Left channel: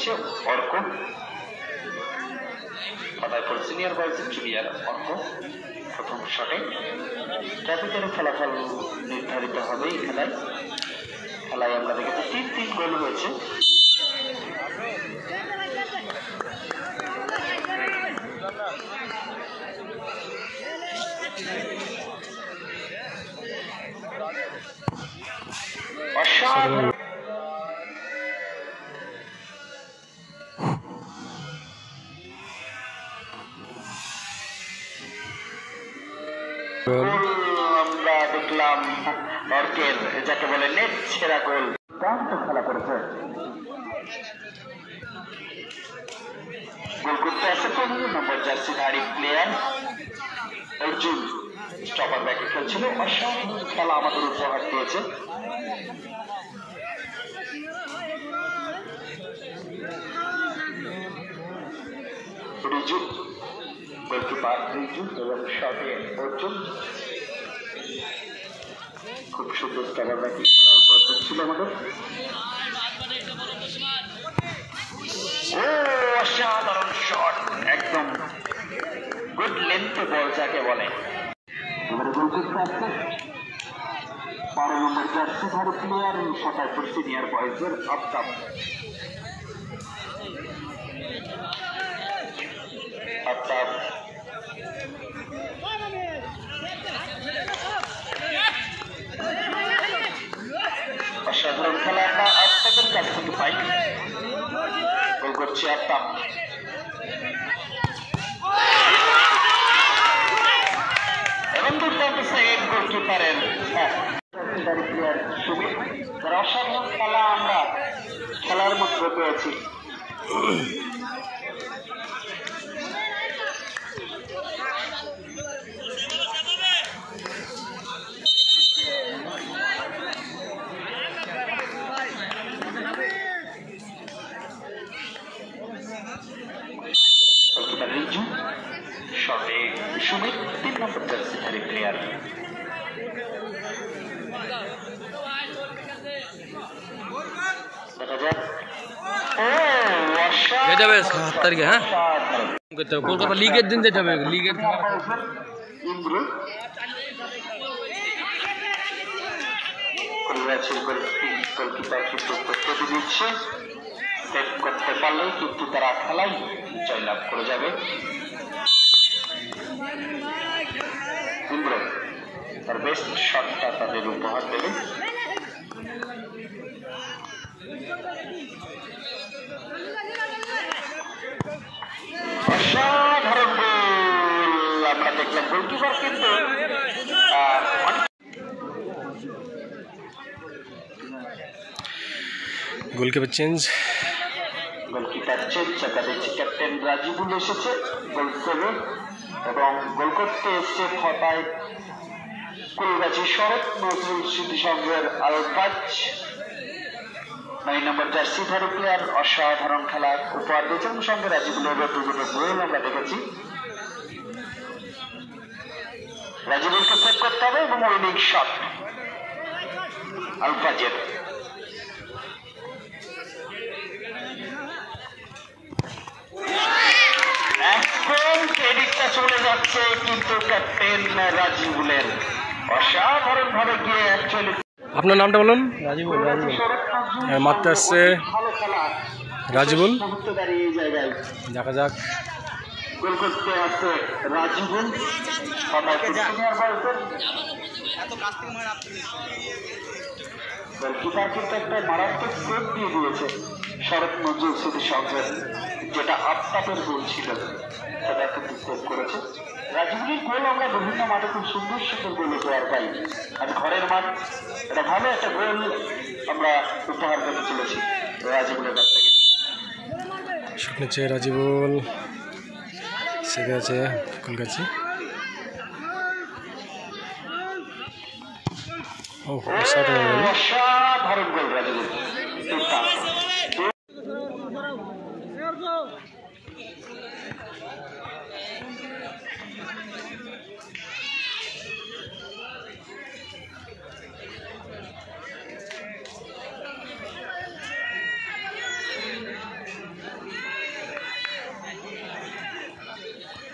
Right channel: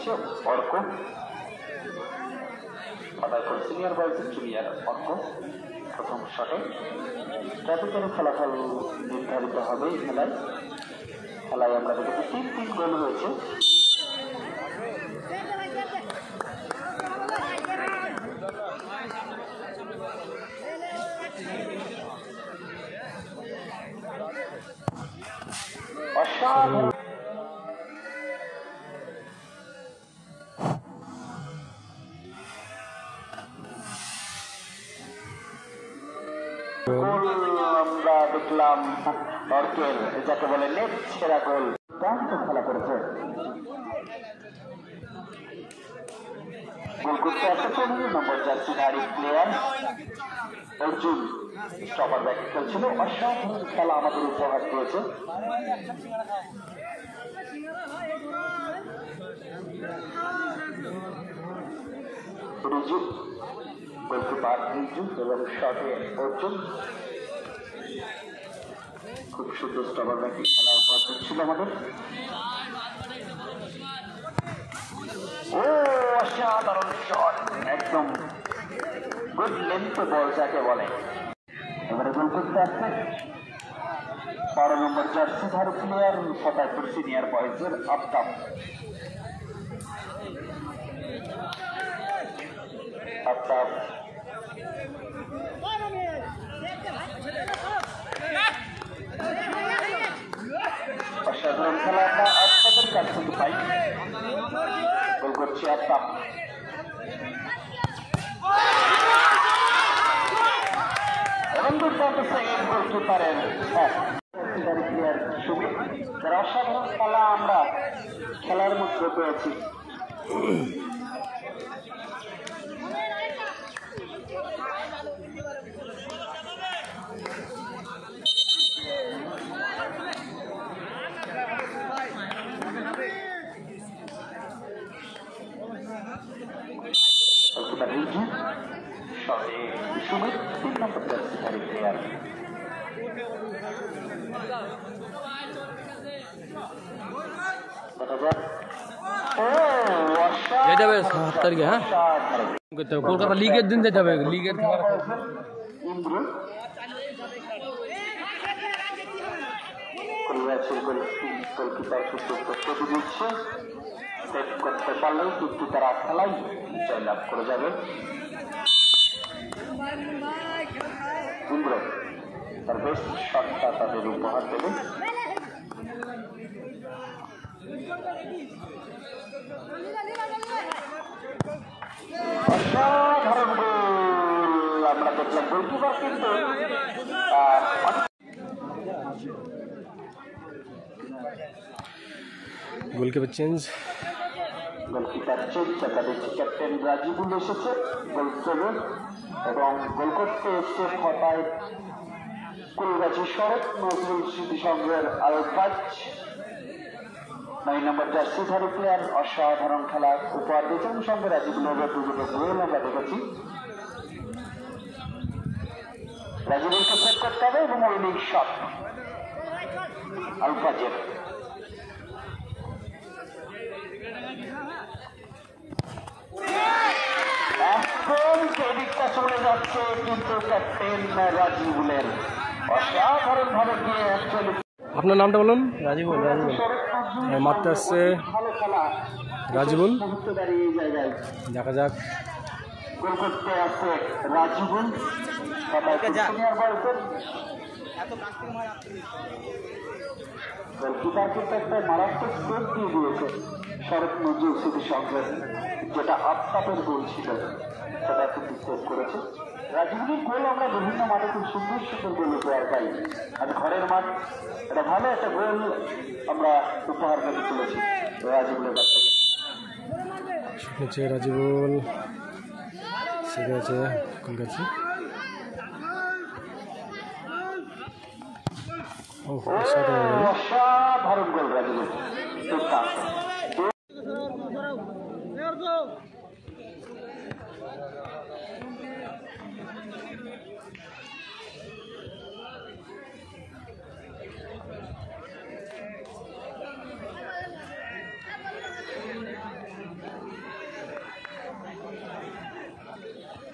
দিচ্ছে Arka, Fataipur senior বয়েজের junior Arka প্রথম শটে। ট্রাফিকের ফলাফল নির্ধারিত হবে এই খেলায়। খেলায় আমরা দেখেছি 3-3 গোল হয়েছে। অসাধারণ আমরা দেখলাম অর্কের, যাকে বলে নেট সেরা গোল। দুর্দান্ত খেলা করেছে। গোল করতে আসে 15 নম্বর জার্সিধারী প্লেয়ার অর্জুন, স্টপার ব্যাকে খেলছিল। অসাধারণ খেলা আমাদের উপহার দিয়েছে। রিজু, গোলকিপার রিজু এবং শটে অর্জুন, খুব সুন্দর স্টপার ব্যাকে খেলা উপহার দিচ্ছিল আমাদের। ও অসাধারণ শট, একদম গুড লেন্থ বল যাকে বলে। এবারে গোল করতে আসছে 12 নম্বর জার্সিধারী প্লেয়ার ফতাইপুর সিনিয়র বয়েজের আফতাব। আফতাব অসাধারণ খেলা আমরা আফতাবের কাছ থেকে পাই। গোল করছে আফতাব। এবং দুর্দান্ত সেকেন্ড গোলকিপারের প্লেয়ার সুমিত, যারা অসাধারণ খেলা আমরা খেলার মধ্যে পেয়েছি। রিজু, শটে সুমিত 3 নম্বর জার্সিধারী প্লেয়ার। দেখা যাক। কলকাতা লিগের দিন যেতে হবে, লিগের ইন্দ্র গোলকিপার কিন্তু প্রস্তুতি নিচ্ছে। সেভ করতে পারলেই কিন্তু তারা খেলায় জয়লাভ করে যাবে। ইন্দ্র তার বেস্ট শটটা তাদের উপহার দেবে। অসাধারণ গোল আমরা দেখলাম। গোলকিপার কিন্তু গোলকিপার চেঞ্জ, চাকা দিচ্ছে ক্যাপ্টেন রাজিবুল এসেছে গোল করবে, এবং গোল করতে এসছে ফতায় কুলগাছি শরৎ নজরুল স্মৃতি সংঘের আলফাজ 9 নম্বর জার্সিধারী প্লেয়ার। অসাধারণ খেলা উপহার দিয়েছে এবং সঙ্গে রাজিবুলের দুটো গোল আমরা দেখেছি। রাজিবুলকে সেভ করতে হবে এবং উইনিং শট আলফাজের। এখন ক্রেডিটটা চলে যাচ্ছে কিন্তু ক্যাপ্টেন রাজিবুলের। অসাধারণ ভাবে গিয়ে অ্যাকচুয়ালি। আপনার নামটা বলুন? রাজিবুল। মারতে আসছে রাজিবুল, দেখা যাক। গোল করতে আসছে রাজিবুল, গোলকিপার কিন্তু একটা মারাত্মক সেভ দিয়ে দিয়েছে শরৎ নজরুল স্মৃতি সংঘের, যেটা আফতাবের গোল ছিল সেটা কিন্তু সেভ করেছে। রাজিবুলের গোল আমরা বিভিন্ন মাঠে খুব সুন্দর সুন্দর গোল উপহার পাই, আর ঘরের মাঠ এটা ভালো একটা গোল আমরা উপহার পেতে চলেছি রাজিবুলের কাছ থেকে। শট নিচ্ছে রাজিবুল, সেভে আছে কলকাতা। অসাধারণ গোল রাজিবুল।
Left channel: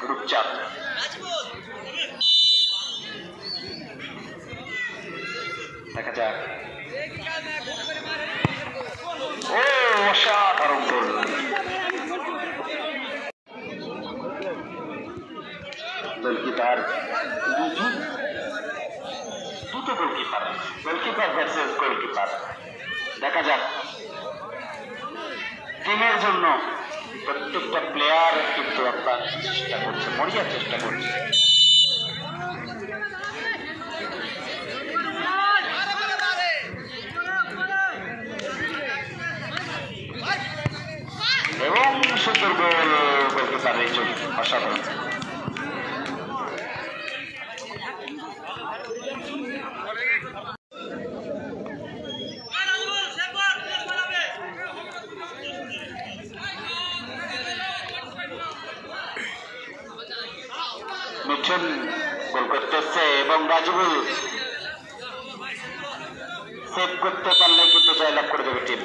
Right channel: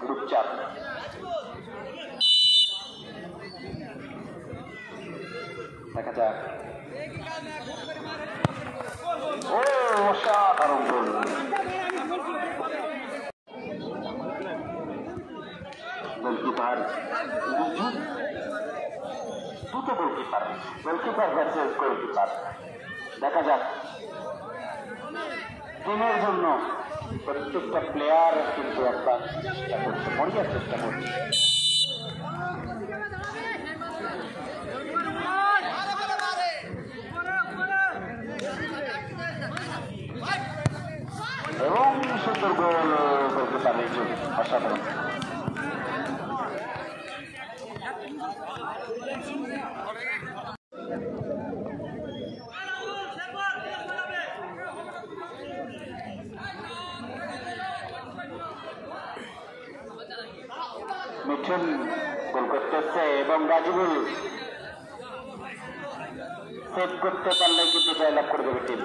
রূপচাঁদ। দেখা যাক। ও অসাধারণ গোল। গোলকিপার দুটো গোলকিপার ভার্সেস গোলকিপার। দেখা যাক। টিমের জন্য প্রত্যেকটা প্লেয়ার কিন্তু আপনার চেষ্টা করছে, মরিয়ার চেষ্টা করছে। এবং সুন্দর গোল, গোলকিপার এই জন্য অসাধারণ। মিঠুন গোল করতেছে এবং রাজিবুল সেভ করতে পারলে কিন্তু জয়লাভ করে দেবে টিম।